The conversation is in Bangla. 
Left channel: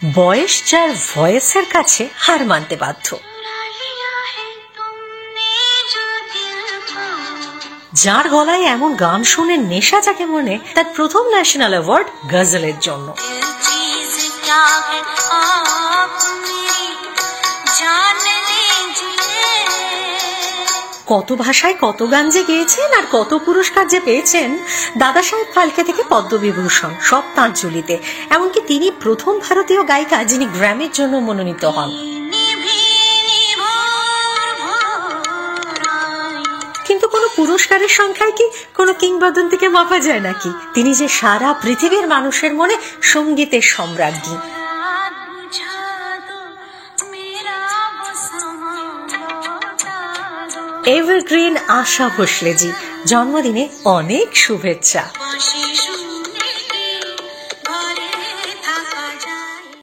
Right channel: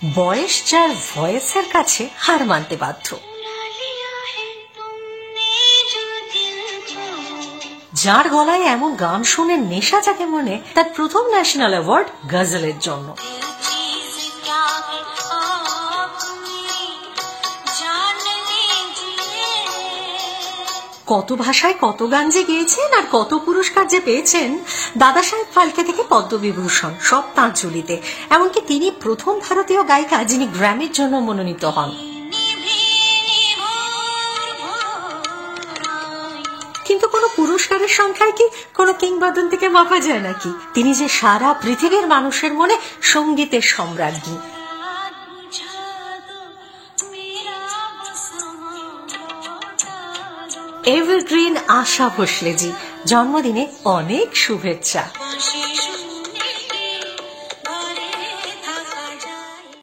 বয়স যার ভয়েসের কাছে হার মানতে বাধ্য, যার গলায় এমন গান শুনে নেশা জাগে মনে, তার প্রথম ন্যাশনাল অ্যাওয়ার্ড গজলের জন্য। কত ভাষায় কত গান যে গেয়েছেন আর কত পুরস্কার যে পেয়েছেন। দাদা সাহেব ফালকে থেকে পদ্মবিভূষণ সব তাঁর ঝুলিতে। এমনকি তিনি প্রথম ভারতীয় গায়িকা যিনি গ্র্যামির জন্য মনোনীত হন। কিন্তু কোনো পুরস্কারের সংখ্যায় কি কোনো কিংবদন্তিকে মাপা যায় নাকি? তিনি যে সারা পৃথিবীর মানুষের মনে সঙ্গীতের সম্রাজ্ঞী। এভারগ্রিন আশা ভোসলেজি, জন্মদিনে অনেক শুভেচ্ছা।